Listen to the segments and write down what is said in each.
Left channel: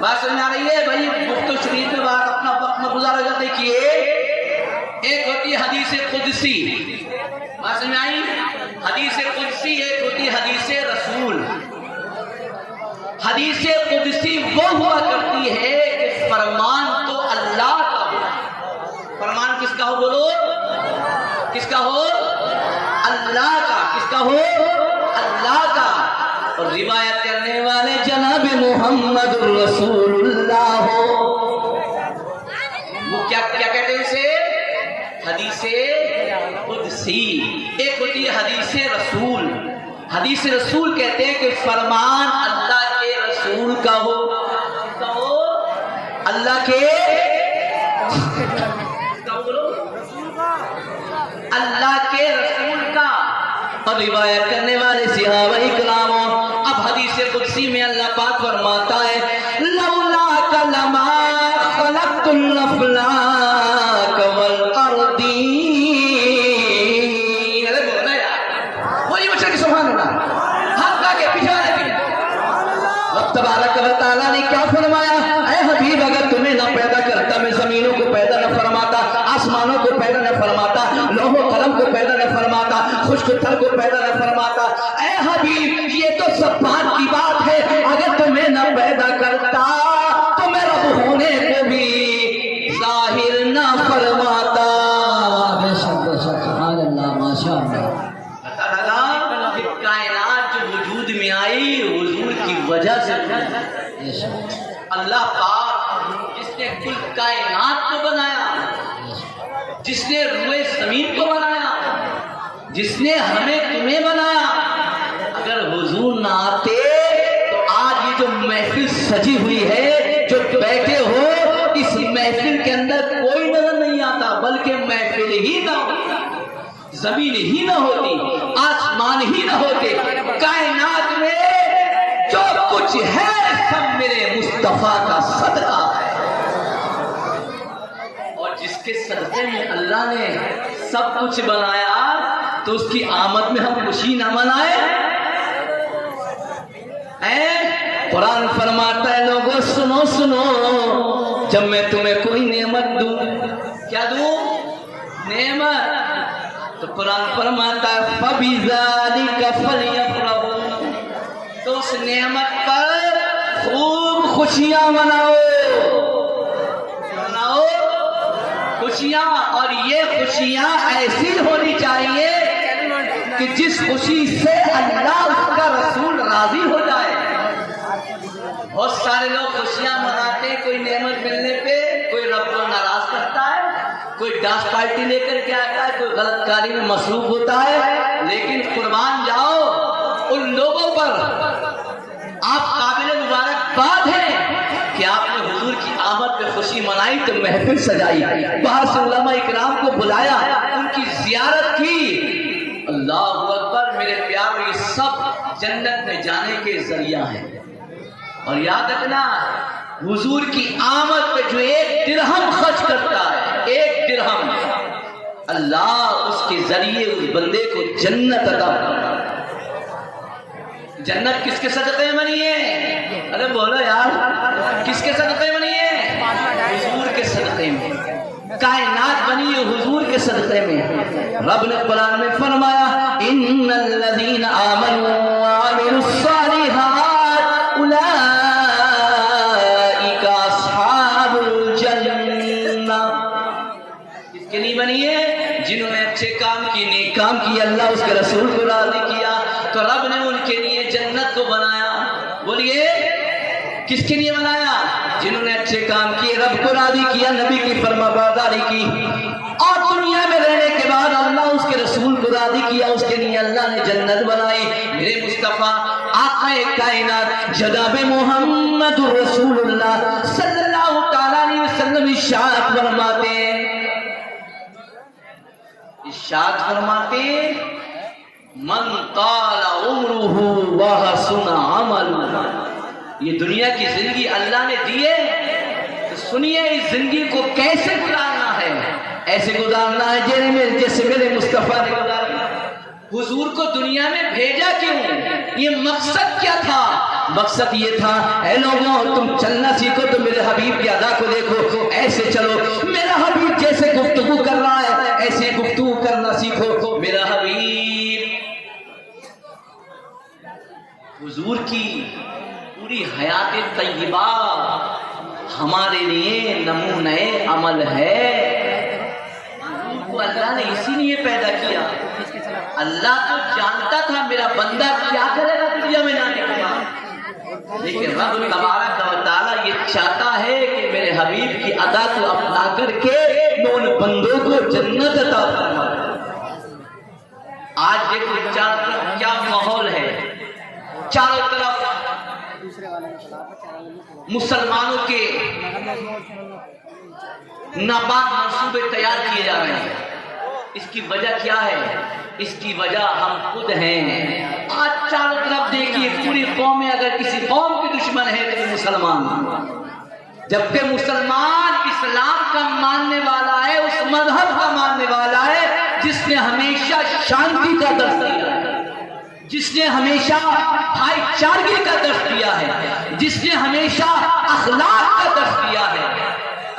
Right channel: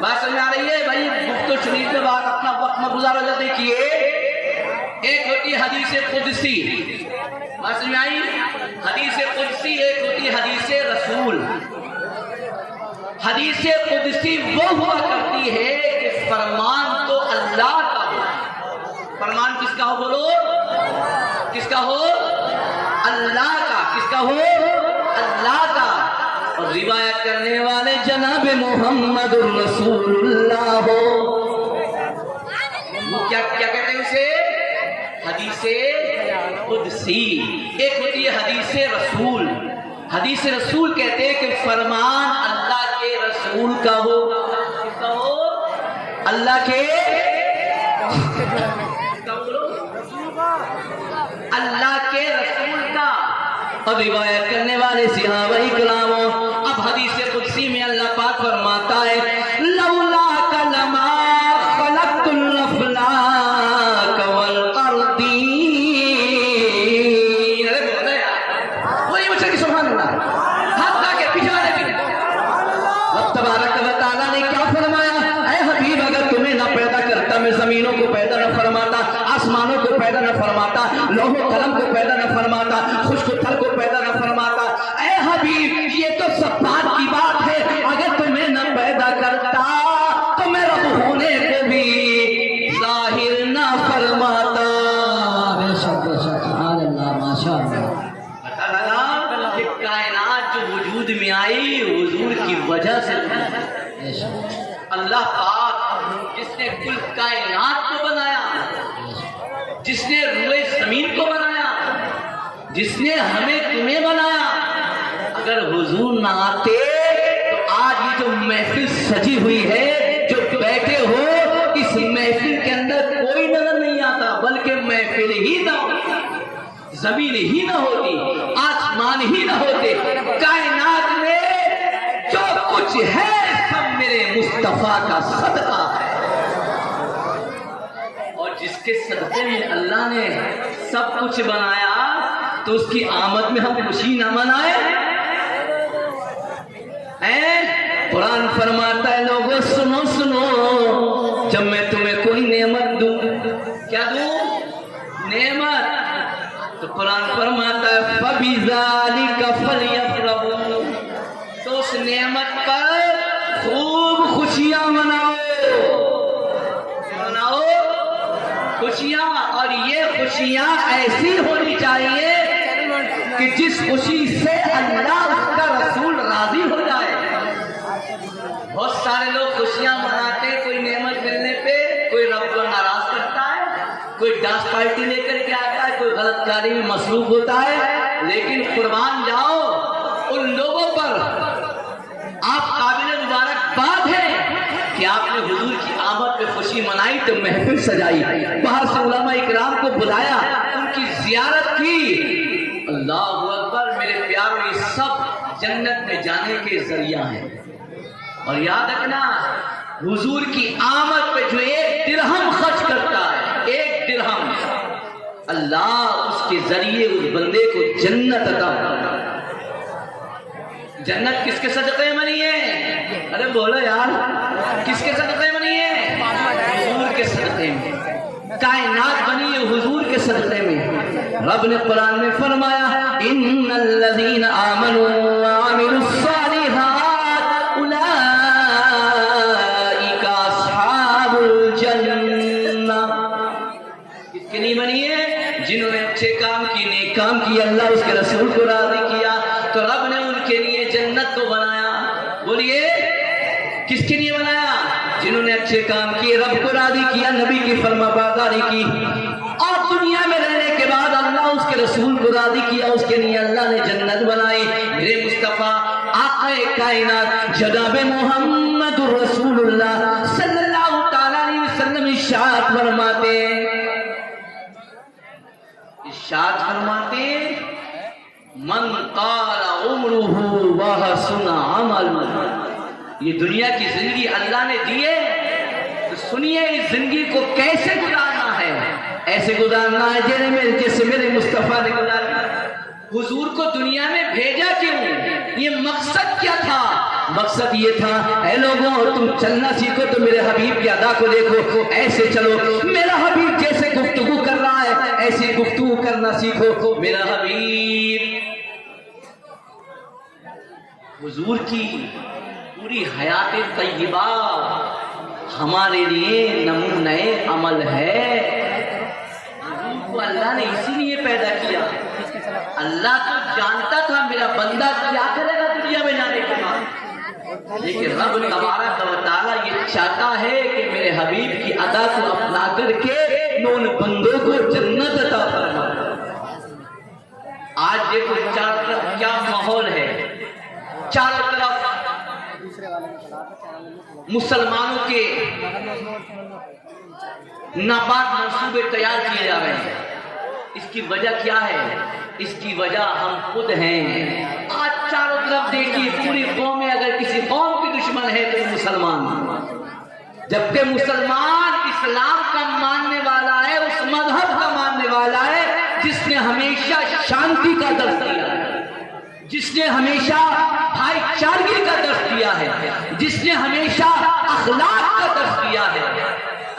بات سمجھ آ رہی ہے بھائی؟ مفت و شریف میں بات اپنا وقت میں گزارا جاتا ہے. دیکھیے ایک ہوتی ہے حدیث قدسی. بات سمجھ آئی؟ حدیث قدسی ایک ہوتی ہے حدیث رسول. حدیث قدسی وہ ہوا کرتی ہے کہ فرمان تو اللہ کا ہو. فرمان کس کا ہو؟ بولو کس کا ہو؟ اللہ کا. کس کا ہو؟ اللہ کا. اور روایت کرنے والے جناب محمد رسول اللہ ہو. وہ کیا کہتے ہیں اسے؟ حدیث قدسی. ایک ہوتی ہے حدیث رسول. حدیث رسول کہتے ہیں کہ فرمان اللہ کے رسول کا ہو. کس کا ہو؟ اللہ کے اللہ کے رسول کا. اور روایت کرنے والے صحابہ کرام. اب حدیث قدسی میں اللہ پاک فرماتا ہے لولا کلما خلقت الافلاک والارضین. وہی بچہ کی سبحان اللہ ہاتھ لا کے پیچھے والے اب تبارک و تعالیٰ نے کیا فرمایا؟ اے حبیب اگر تمہیں نہ پیدا کرتا میں زمینوں کو پیدا نہ فرماتا, آسمانوں کو پیدا نہ فرماتا, لوح و قلم کو پیدا نہ فرماتا, خشک تھل کو پیدا نہ فرماتا. اے حبیب یہ تو سب بات کی بات ہے. اگر تمہیں نہ پیدا کرتا تو میں رب ہونے کو بھی ظاہر نہ فرماتا. بے شک سبحان اللہ ماشاء اللہ. پتہ لگا کہ کائنات جو وجود میں آئی حضور کی وجہ سے. بے شک اللہ پاک جس نے کل کائنات کو بنایا, جس نے روئے زمین کو بنایا, جس نے ہمیں تمہیں بنایا, اگر حضور نہ آتے تو آج یہ جو محفل سجی ہوئی ہے, جو بیٹھے ہو, اس محفل کے اندر کوئی نظر نہیں آتا, بلکہ محفل ہی نہ ہوتی, زمین ہی نہ ہوتی, آسمان ہی نہ ہوتے. کائنات میں جو کچھ ہے سب میرے مصطفیٰ کا صدقہ ہے. اور جس کے صدقے میں اللہ نے سب کچھ بنایا تو اس کی آمد میں ہم خوشی نہ منائے. قرآن فرماتا ہے لوگوں سنو سنو, جب میں تمہیں کوئی نعمت دوں, کیا دوں؟ نعمت. تو قرآن فرماتا ہے فَبِذَلِكَ فَلْيَفْرَحُوا, تو اس نعمت پر خوب خوشیاں مناؤ. مناؤ خوشیاں. اور یہ خوشیاں ایسی ہونی چاہیے کہ جس خوشی سے اللہ اس کا رسول راضی ہو جائے. بہت سارے لوگ خوشیاں مناتے, کوئی نعمت ملنے پہ کوئی رب کو ناراض کرتا ہے, کوئی ڈانس پارٹی لے کر کے آتا ہے, کوئی غلط کاری میں مصروف ہوتا ہے. لیکن قربان جاؤ ان لوگوں پر, آپ قابل مبارکباد ہیں کہ آپ نے حضور کی آمد پہ خوشی منائی تو محفل سجائی, باہر سے علماء اکرام کو بلایا, ان کی زیارت کی. اللہ اکبر. میرے پیاروں یہ سب جنت میں جانے کے ذریعہ ہیں. اور یاد رکھنا حضور کی آمد پہ جو ایک درہم خرچ کرتا ہے, ایک درہم, اللہ اس کے ذریعے اس بندے کو جنت عطا کرتا ہے. جنت کس کے صدقے میں بنی ہے؟ ارے بولو یار, کس کے صدقے میں بنی ہے؟ حضور کے صدقے میں. کائنات بنی ہے حضور کے صدقے میں. رب نے قرآن میں فرمایا ان الذین آمنوا وعملوا الصالحات اولئک اصحاب الجنہ. کس کے لیے بنی ہے؟ جنہوں نے اچھے کام کی, نیک کام کی, اللہ اس کے رسول کو راضی کیا, تو رب نے ان کے لیے جنت کو بنایا. بولیے کس کے لیے بنایا؟ جنہوں نے اچھے کام کیے, رب کو راضی کیا, نبی کی فرما برداری کی, اور دنیا میں رہنے کے بعد اللہ اس کے رسول کو راضی کیا, اس کے لیے اللہ نے جنت بنائی. میرے مصطفیٰ آقا کائنات جناب محمد رسول اللہ صلی اللہ تعالیٰ علیہ وسلم ارشاد فرماتے من طال عمرہ وحسن عملہ. یہ دنیا کی زندگی اللہ نے دی ہے, تو سنیے اس زندگی کو کیسے گزارنا ہے. ایسے گزارنا ہے جیسے میرے مصطفیٰ نے گزارنا. حضور کو دنیا میں بھیجا کیوں؟ یہ مقصد کیا تھا مقصد یہ تھا اے لوگوں تم چلنا سیکھو تو میرے حبیب کی ادا کو دیکھو، ایسے چلو، میرا حبیب جیسے گفتگو کر رہا ہے ایسے گفتگو کرنا سیکھو۔ میرا حبیب حضور کی پوری حیات طیبہ ہمارے لیے نمونہ عمل ہے۔ اللہ نے اسی لیے پیدا کیا، اللہ تو جانتا تھا میرا بندہ کیا کرے گا دنیا میں جانے کے بعد، لیکن رب تبارک و تعالی یہ چاہتا ہے کہ میرے حبیب کی ادا کو اپنا کر کے میں ان بندوں کو جنت عطا فرماؤں۔ آج دیکھو چاروں طرف کیا ماحول ہے، چاروں طرف مسلمانوں کے ناپاک منصوبے تیار کیے جا رہے ہیں۔ اس کی وجہ کیا ہے؟ اس کی وجہ ہم خود ہیں۔ آج چاروں طرف دیکھیے پوری قومیں اگر کسی قوم کی دشمن ہے تو مسلمان، جبکہ مسلمان اسلام کا ماننے والا ہے، اس مذہب کا ماننے والا ہے جس نے ہمیشہ شانتی کا درس دیا ہے، جس نے ہمیشہ بھائی چارگی کا درس دیا ہے، جس نے ہمیشہ اخلاق کا درس دیا ہے۔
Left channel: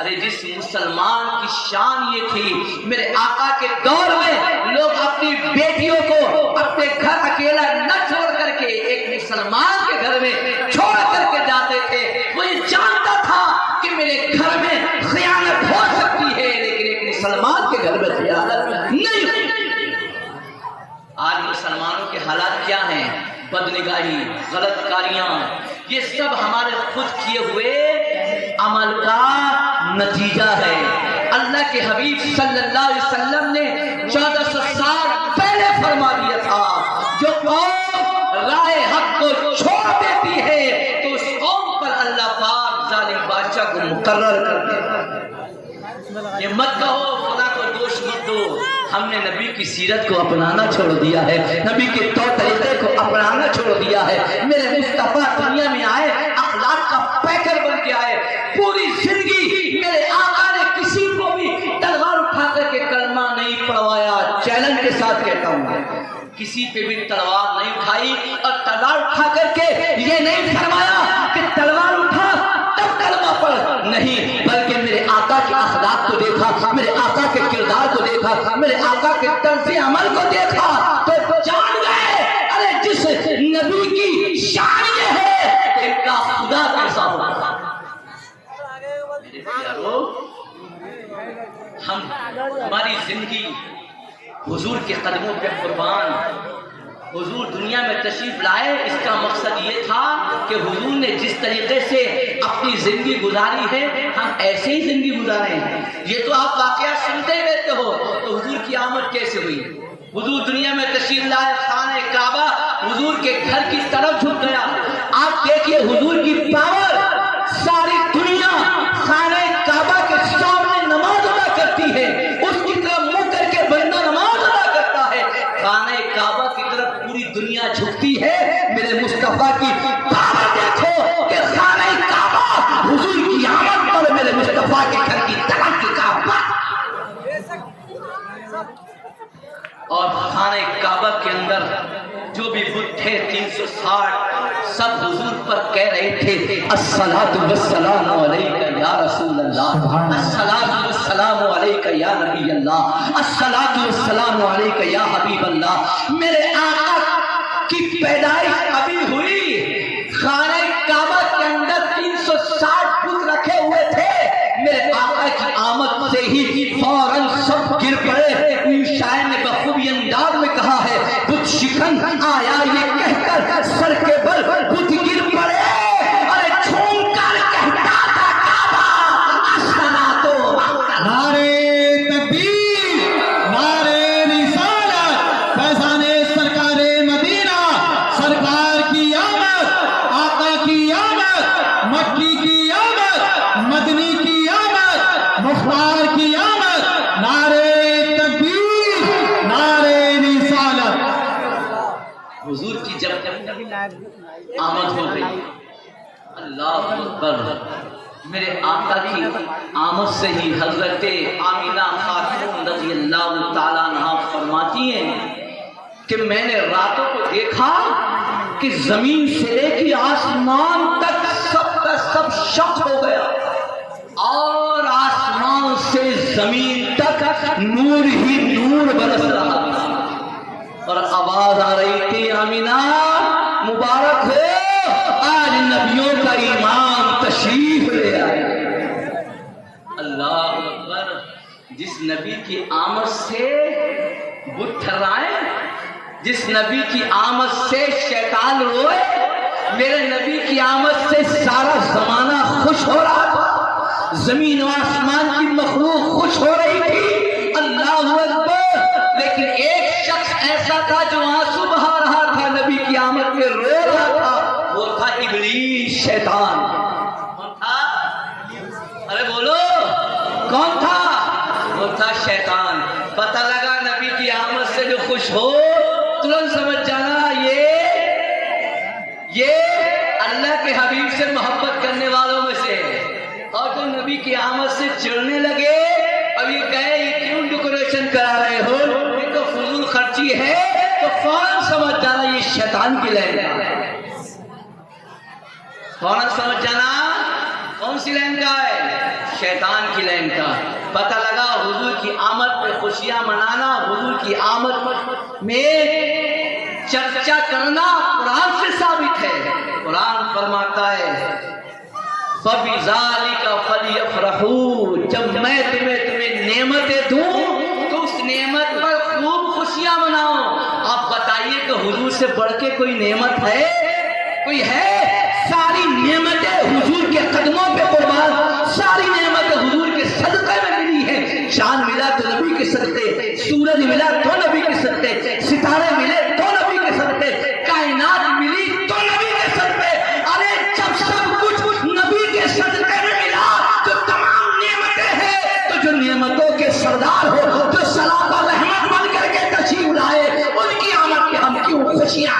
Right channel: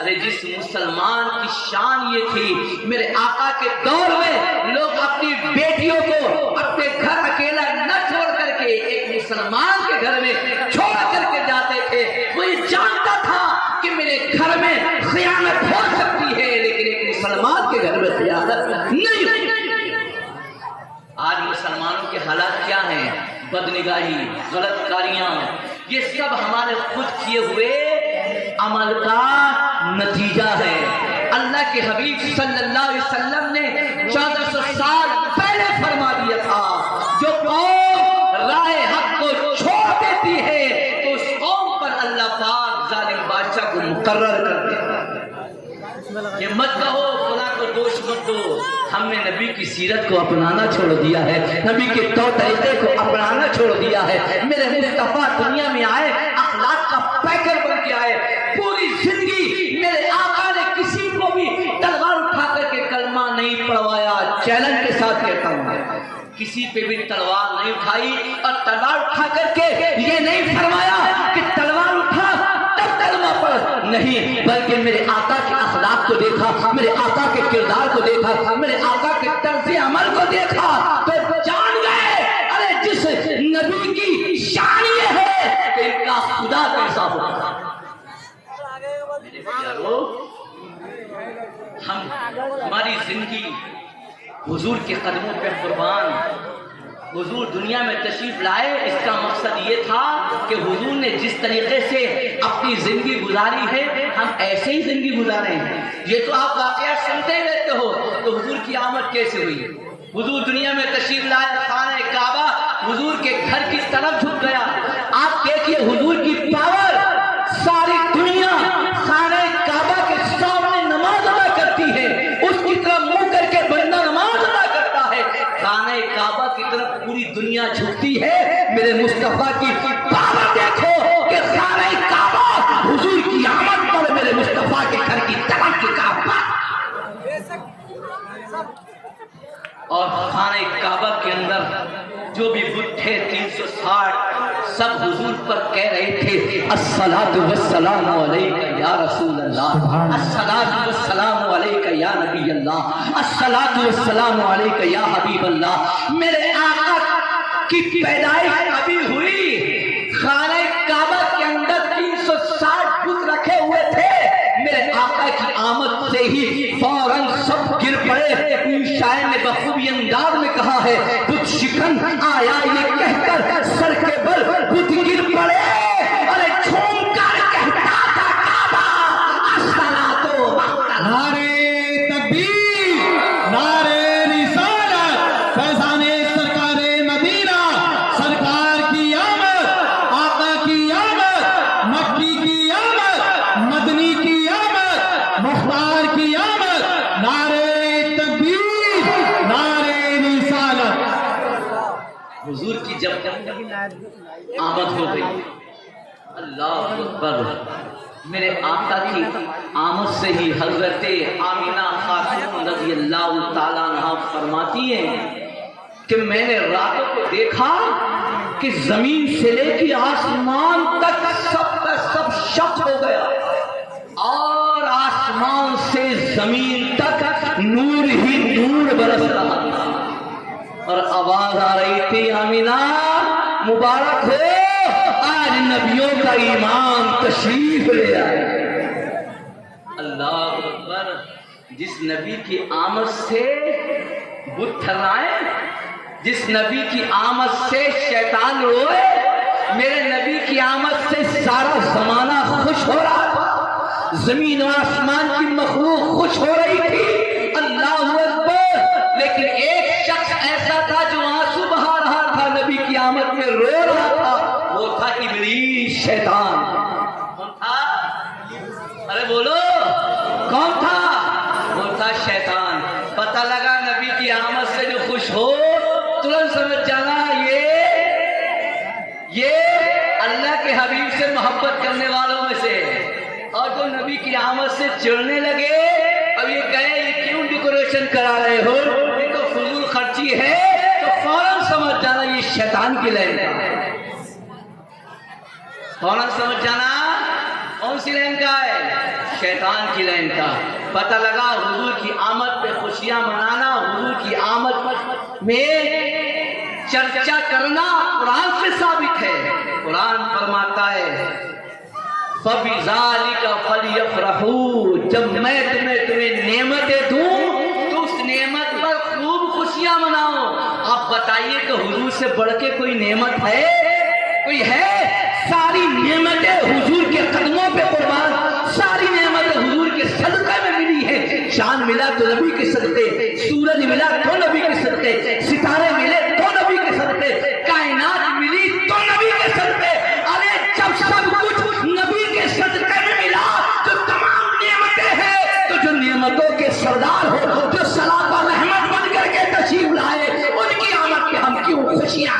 ارے جس مسلمان کی شان یہ تھی، میرے آقا کے دور میں لوگ اپنی بیٹیوں کو اپنے گھر اکیلا نہ چھوڑ کر کے ایک مسلمان کے گھر میں چھوڑ کر کے جاتے تھے۔ وہ یہ جانتا تھا کہ میرے گھر میں خیانت ہو سکتی ہے لیکن ایک مسلمان کے گھر میں خیانت نہیں ہوتی۔ آج مسلمانوں کے حالات کیا ہیں؟ بدنگاہی، غلط کاریاں، یہ سب ہمارے خود کیے ہوئے عمل کا نتیجہ ہے۔ اللہ کے حبیب صلی اللہ علیہ وسلم نے 1400 سال پہلے فرما دیا تھا، جو قوم راہ حق کو چھوڑ دیتی ہے تو اس قوم پر اللہ پاک ظالم بادشاہ کو مقرر کر دیتا ہے۔ یہ مت کہو خدا کو دوش مت دو، ہم نے نبی کی سیرت کو اپنانا چھوڑ دیا ہے، نبی کے طور طریقے کو اپنانا چھوڑ دیا ہے۔ میرے مصطفیٰ دنیا میں آئے، اخلاق کا پیکر بن کے آئے، پوری زندگی میرے آقا نے کسی کو بھی تلوار اٹھا کر کے کلمہ نہیں پڑھوایا۔ چیلنج کے ساتھ کہتا ہوں، کسی پہ بھی تلوار نہیں اٹھائی اور تلوار اٹھا کر کے یہ نہیں فرمایا کہ تلوار اٹھا تب کلمہ پڑھ، نہیں، بلکہ میرے آقا کے اخلاق کو دیکھا، میرے آقا کے کردار کو دیکھا، میرے آقا کے طرز عمل کو دیکھا تو جان گئے ارے جس نبی کی شان یہ ہے ایک کا خدا کیسا ہوگا۔ میرے پیارو، ہماری زندگی حضور کے قدموں پہ قربان۔ حضور دنیا میں تشریف لائے، اس کا مقصد یہ تھا کہ حضور نے جس طریقے سے اپنی زندگی گزاری ہے ہم ایسے ہی زندگی گزاریں۔ یہ تو آپ واقعات سنتے ہی رہتے ہو، تو حضور کی آمد کیسے ہوئی؟ حضور دنیا میں تشریف لائے، خانہ کعبہ حضور کے گھر کی طرف جھک گیا۔ آپ دیکھیے حضور کی پاور، ساری دنیا خانہ کعبہ کے سامنے نماز ادا کرتی ہے، اس کی طرف منہ کر کے بندہ نماز ادا کرتا ہے، خانہ کعبہ کی طرف پوری دنیا جھکتی ہے۔ میرے مصطفیٰ کی پاور دیکھو کہ خانہ کعبہ حضور کی آمد پر میرے مصطفیٰ کے گھر کی طرف جھکا ہوا، اور خانہ کعبہ کے اندر جو بھی بت تھے 360 سب حضور پر کہہ رہے تھے الصلاۃ والسلام علیک یا رسول اللہ، الصلاۃ والسلام علیک یا نبی اللہ، الصلاۃ والسلام علیک یا حبیب اللہ۔ میرے آقا کی پیدائش ابھی ہوئی، خانہ کعبہ کے اندر 360 بت رکھے ہوئے تھے، میرے آقا کی آمد سے ہی فوراً سب گر پڑے۔ شاعر نے بخوبی انداز میں کہا ہے بت شکن آیا یہ کہہ کر سر کے بل بت گر پڑے، ارے جھوم کر کہتا تھا کعبہ الصلاۃ، نعرے تکبیر، نعرے رسالت، فیضان سرکار مدینہ، سرکار کی آمد، آقا کی آمد، مکی کی آمد، مدنی کی آمد، مختار کی آمد، نعرے تکبیر، نعرے رسالت۔ حضور کی جب آمد ہو گئی، اللہ اکبر، میرے آقا کی آمد سے ہی حضرت آمینہ خاتون رضی اللہ تعالیٰ عنہا فرماتی ہیں کہ میں نے راتوں کو دیکھا کہ زمین سے لے کے آسمان تک سب کا سب شک ہو گیا، اور آسمان سے زمین تک نور ہی نور برس رہا، اور آواز آ رہی تھی آمینہ مبارک ہو، آج نبیوں کا ایمان تشریف لے آئے۔ اللہ اکبر۔ جس نبی کی آمد سے بت تھرائے، جس نبی کی آمد سے شیطان روئے، میرے نبی کی آمد سے سارا زمانہ خوش ہو رہا تھا، زمین و آسمان کی مخلوق خوش ہو رہی تھی، اللہ اکبر۔ لیکن ایک شخص ایسا تھا جو آنسو بہا رہا تھا، نبی کی آمد میں رو رہا تھا، وہ تھا ابلیس، شیطان۔ کون تھا؟ ارے بولو کون تھا؟ وہ تھا شیطان۔ پتہ لگا نبی کی آمد سے جو خوش ہو، ترنت سمجھ جانا یہ اللہ کے حبیب سے محبت کرنے والوں میں سے، اور جو نبی کی آمد سے چڑھنے لگے، اب یہ کہے یہ کیوں ڈیکوریشن کرا رہے ہو، یہ تو فضول خرچی ہے، تو فوراً سمجھ جانا یہ شیطان کی لائن کا ہے، فوراً سمجھ جانا کون سی لائن کا ہے، شیطان کی لائن کا۔ پتہ لگا حضور کی آمد پہ خوشیاں منانا، حضور کی آمد میں چرچا کرنا قرآن سے ثابت ہے۔ قرآن فرماتا ہے فَبِذَلِكَ فَلْيَفْرَحُوا، جب میں تمہیں نعمتیں دوں تو اس نعمت پر خوب خوشیاں مناؤ۔ آپ بتائیے کہ حضور سے بڑھ کے کوئی نعمت ہے؟ کوئی ہے؟ ساری نعمتیں حضور کے قدموں پہ قربان، ساری نعمتیں حضور کے صدقے میں ملی ہے۔ چاند ملا تو نبی کے صدقے، سورج ملا تو نبی کے صدقے، ستارے ملے تو نبی کے صدقے، کائنات ملی تو نبی کے صدقے۔ ارے جب سب کچھ نبی کے صدقے میں ملا تو تمام نعمتیں ہیں، تو جو نعمتوں کے سردار ہو، جو سلام و رحمت بن کر کے تشریف لائے، ان کی آمد پہ ہم کیوں خوشیاں؟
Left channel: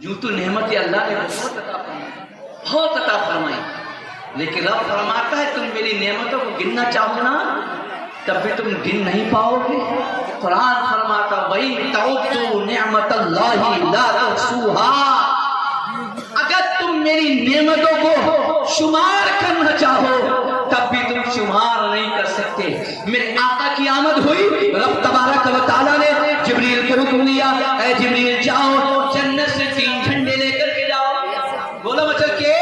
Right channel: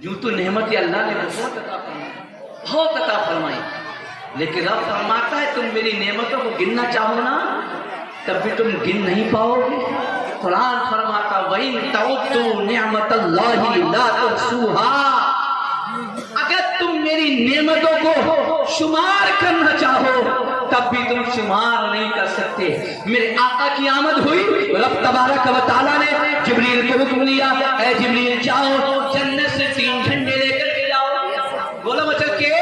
یوں تو نعمت اللہ نے بہت عطا فرمائی، لیکن رب فرماتا ہے تم میری نعمتوں کو گننا چاہو نا، تب بھی تم گن نہیں پاؤ گے۔ قرآن فرماتا وَإِن تَعُدُّوا نِعْمَتَ اللَّهِ لَا تُحْصُوهَا، اگر تم میری نعمتوں کو شمار کرنا چاہو تب بھی تم شمار نہیں کر سکتے۔ میرے آقا کی آمد ہوئی، رب تبارک و تعالیٰ نے جبریل کو حکم دیا، اے جبریل جاؤ جنت سے 3 جھنڈے لے کر کے جاؤ۔ بولو مچل کے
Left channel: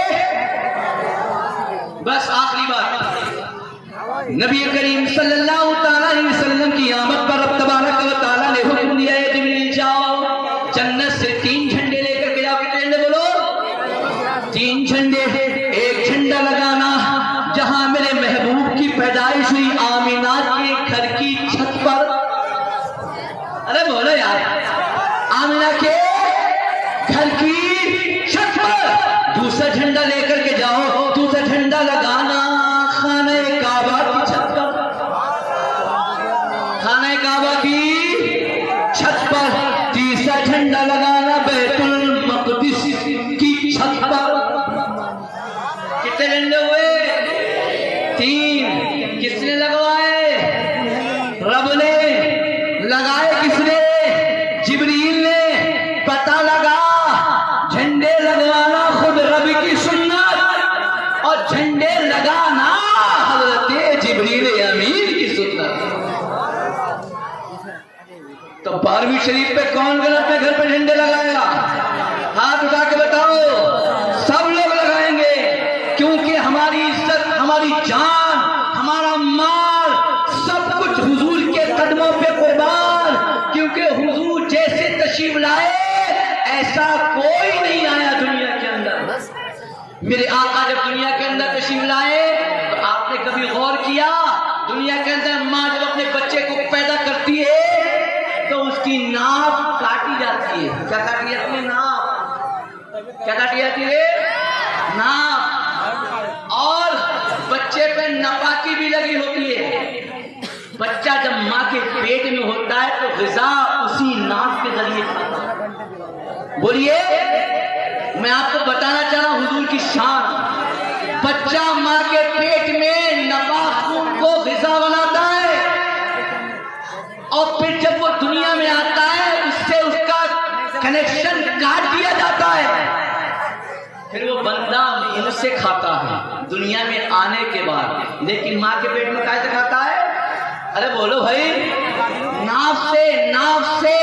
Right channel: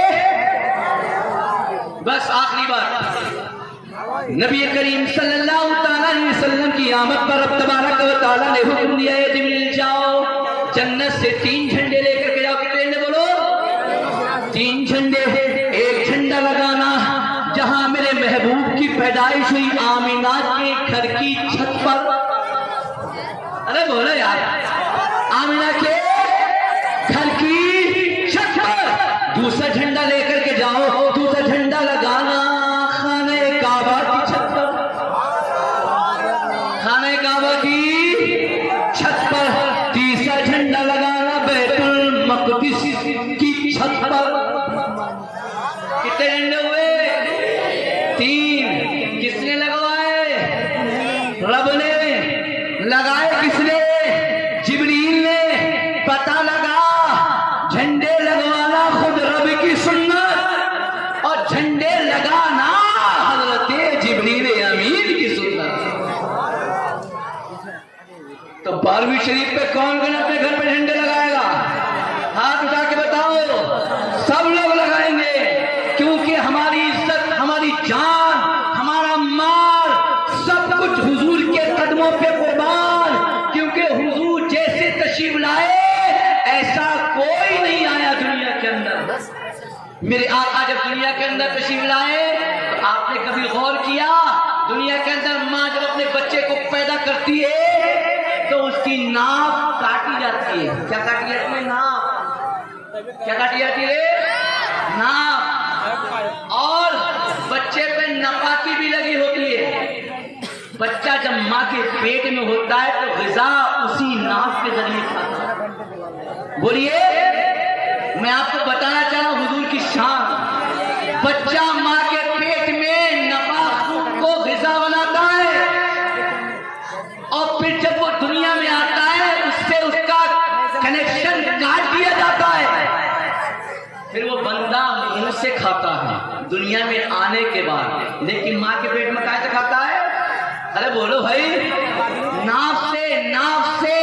بس آخری بات، نبی کریم صلی اللہ تعالی علیہ وسلم کی آمد پر رب تبارک و تعالیٰ نے حکم دیا ہے جبریل جاؤ جنت سے 3 جھنڈے لے کر کے جاؤ۔ کتنے جھنڈے بولو؟ 3 جھنڈے۔ ایک جھنڈا لگانا جہاں میرے محبوب کی پیدائش ہوئی، آمینہ کے گھر کی چھت پر۔ ارے بولو یار، آمینہ کے گھر کی چھت پر۔ دوسرا جھنڈا لے کر کے جاؤ، دوسرا جھنڈا لگانا خانہ کعبہ کی چھت پر، خانہ کعبہ کی چھت پر۔ تیسرا جھنڈا لگانا بیت المقدس کی چھت پر۔ کتنے جھنڈے ہوئے؟ 3۔ کس نے لگوائے؟ رب نے لگائے۔ کس نے؟ جبریل نے۔ پتہ لگا جھنڈے لگوانا خود رب کی سنت، اور جھنڈے لگانا حضرت جبریل امین کی سنت۔ تو 12ویں شریف پہ کون کون اپنے گھر پہ جھنڈے لگائے گا؟ ہاتھ اٹھا کے بتاؤ۔ سب لوگ لگائیں گے، کیونکہ ہماری عزت، ہماری جان، ہمارا مال، سب کچھ حضور کے قدموں پہ قربان، کیونکہ حضور جیسے تشریف لائے ایسا کوئی نہیں آیا دنیا کے اندر۔ میرے آقا جب دنیا کے اندر تشریف لائے تو آپ نے کبھی غور کیا؟ دنیا کے اندر ماں جب اپنے بچے کو پیدا کرتی ہے تو اس کی ناف کاٹی جاتی ہے۔ کیا کاٹی جاتی ہے؟ ناف۔ کیا کاٹی جاتی ہے؟ ناف۔ اور بچے پہ ناپاکی بھی لگی ہوتی ہے۔ بچہ جب ماں کے پیٹ میں ہوتا ہے تو غذا اسی ناف کے ذریعے کھاتا ہے۔ بولیے، میں آپ کو بتانا چاہ رہا ہوں حضور کی شان۔ بچہ ماں کے پیٹ میں ناپاک کو غذا بناتا ہے، اور پھر جب وہ دنیا میں آتا کاٹ دیا جاتا ہے، پھر وہ بندہ منہ سے کھاتا ہے دنیا میں آنے کے بعد، لیکن ماں کے پیٹ میں کیسے کھاتا ہے؟ ارے بولو بھائی، ناف سے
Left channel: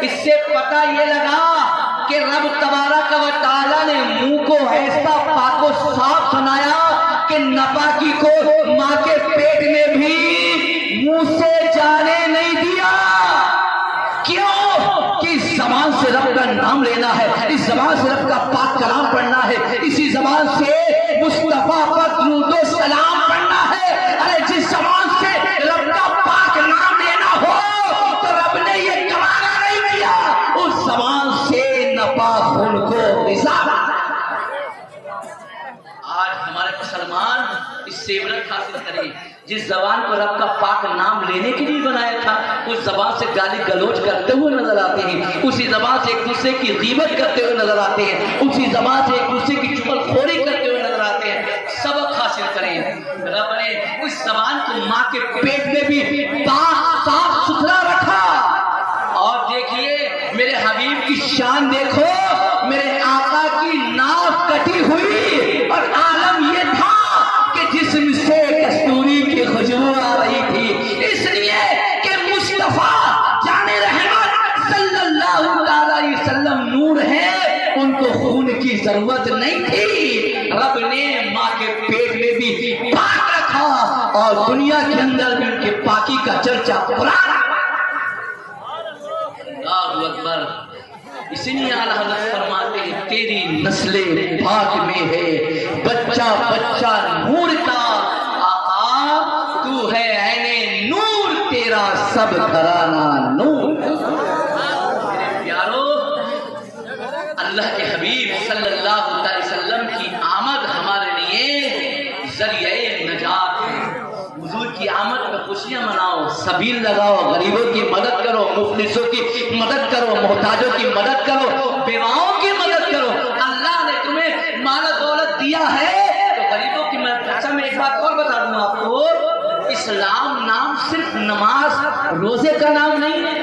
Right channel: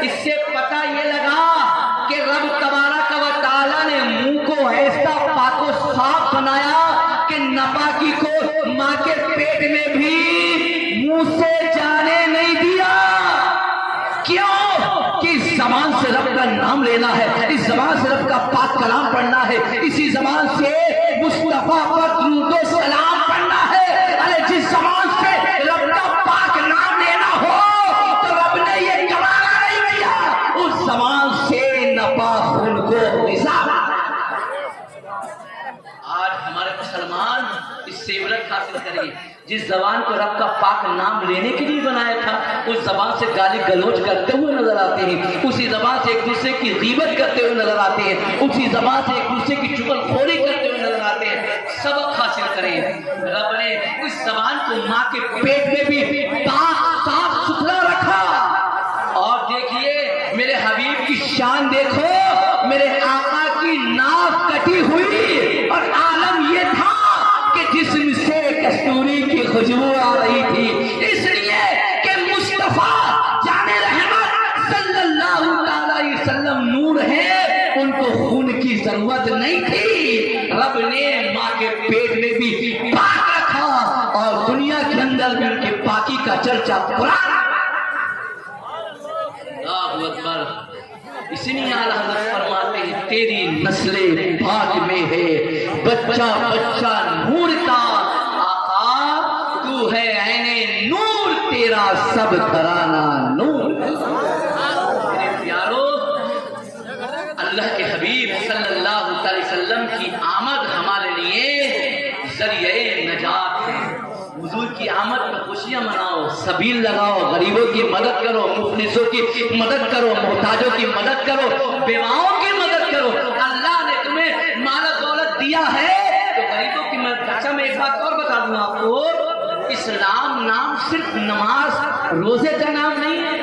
اس سے پتہ یہ لگا کہ رب تبارک و تعالیٰ نے منہ کو ایسا پاک و صاف بنایا کہ ناپاکی کو ماں کے پیٹ میں بھی منہ سے جانے نہیں دیا۔ کیوں؟ کہ اس زبان سے رب کا نام لینا ہے، اس زبان سے رب کا پاک کلام پڑھنا ہے، اسی زبان سے مصطفیٰ پر درود و سلام پڑھنا ہے۔ ارے جس زبان سے رب کا پاک نام لینا ہو تو رب نے یہ گوارا نہیں کیا اس زبان سے ناپاک خون کو غذا۔ آج ہمارے مسلمان اس سے عبرت حاصل کریں، جس زبان کو رب کا پاک نام لینے کے لیے بنایا تھا اس زبان سے گالی گلوچ کرتے ہوئے نظر آتے ہیں، اسی زبان سے ایک دوسرے کی غیبت کرتے ہوئے نظر آتے ہیں، اسی زبان سے ایک دوسرے کی چغلخوری کرتے ہوئے نظر آتے ہیں۔ سبق حاصل کریں، رب نے اس زبان کو ماں کے پیٹ میں بھی پاک صاف ستھرا رکھا۔ اور دیکھیے میرے حبیب کی شان دیکھو، میرے آقا کی ناک کٹی ہوئی اور عالم یہ تھا کہ جسم سے کستوری کی خوشبو آ رہی تھی، اس لیے کہ مصطفیٰ جان رحمت صلی اللہ علیہ وسلم نور ہے، ان کو خون کی ضرورت نہیں تھی۔ رب نے ماں کے پیٹ میں بھی پاک رکھا اور دنیا کے اندر بھی ان کے پاکی کا چرچا پورا۔ اللہ اکبر۔ اسی لیے اعلیٰ حضرت فرماتے ہیں تیری نسل پاک میں ہے بچہ بچہ نور کا، آقا تو ہے عین نور، تیرا سب گھرانہ نور۔ پیارو، اللہ کے حبیب صلی اللہ علیہ وسلم کی آمد ہمارے لیے ذریعہ نجات ہے۔ حضور کی آمد پر خوشیاں مناؤ، سبیل لگاؤ، غریبوں کی مدد کرو، مفلسوں کی مدد کرو، محتاجوں کی مدد کرو، بیواؤں کی مدد کرو۔ اللہ نے تمہیں مال دولت دیا ہے تو غریبوں کی مدد۔ اچھا میں ایک بات اور بتا دوں آپ کو، اسلام نام صرف نماز روزے کا نام نہیں ہے،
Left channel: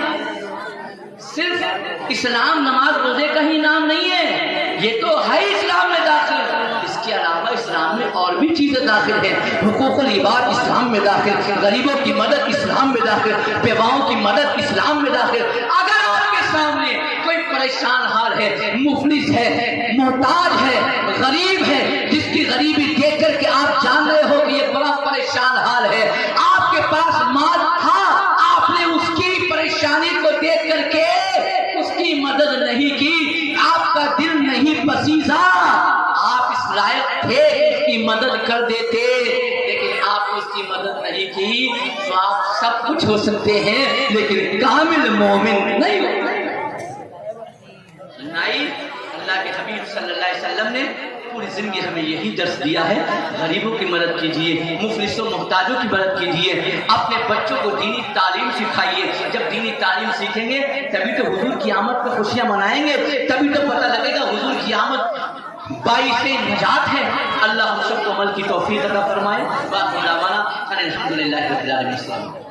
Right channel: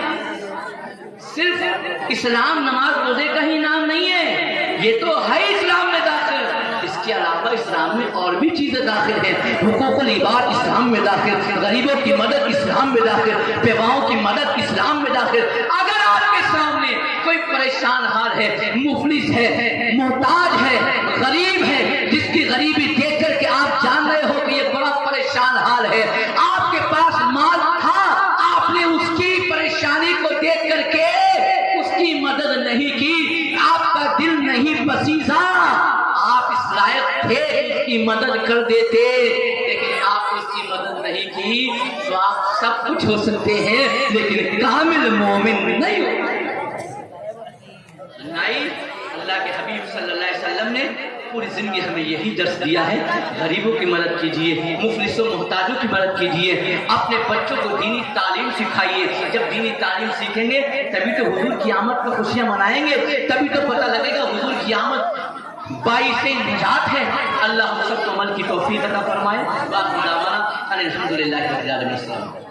صرف اسلام نماز روزے کا ہی نام نہیں ہے، یہ تو ہے اسلام میں داخل۔ اس کے علاوہ اسلام میں اور بھی چیزیں داخل ہیں، حقوق العباد اسلام میں داخل، غریبوں کی مدد اسلام میں داخل، بیواؤں کی مدد اسلام میں داخل۔ اگر آپ کے سامنے کوئی پریشان حال ہے، مفلس ہے، محتاج ہے، غریب ہے، جس کی غریبی دیکھ کر کے آپ جان رہے ہو کہ یہ بڑا پریشان حال ہے، آپ کے پاس مال تھا، آپ نے اس کی پریشانی کو دیکھ کر کے اس کی مدد نہیں کی، آپ کا دل نہیں پسیزا، آپ اس لائق تھے اس کی مدد کر دیتے، لیکن آپ اس کی مدد نہیں کی تو آپ سب کچھ ہو سکتے ہیں لیکن کامل مومن نہیں ہو۔ اللہ کے حبیب صلی اللہ علیہ وسلم نے پوری زندگی ہمیں یہی درس دیا ہے، غریبوں کی مدد کیجیے، مفلسوں محتاجوں کی مدد کیجیے، اپنے بچوں کو دینی تعلیم سکھائیے۔ جب دینی تعلیم سیکھیں گے تبھی تو حضور کی آمد پر خوشیاں منائیں گے، تبھی تو پتہ لگے گا حضور کی آمد باعث نجات ہے۔ اللہ ہم سب کو عمل کی توفیق عطا فرمائے۔ باقی دعوانا الحمدللہ رب العالمین۔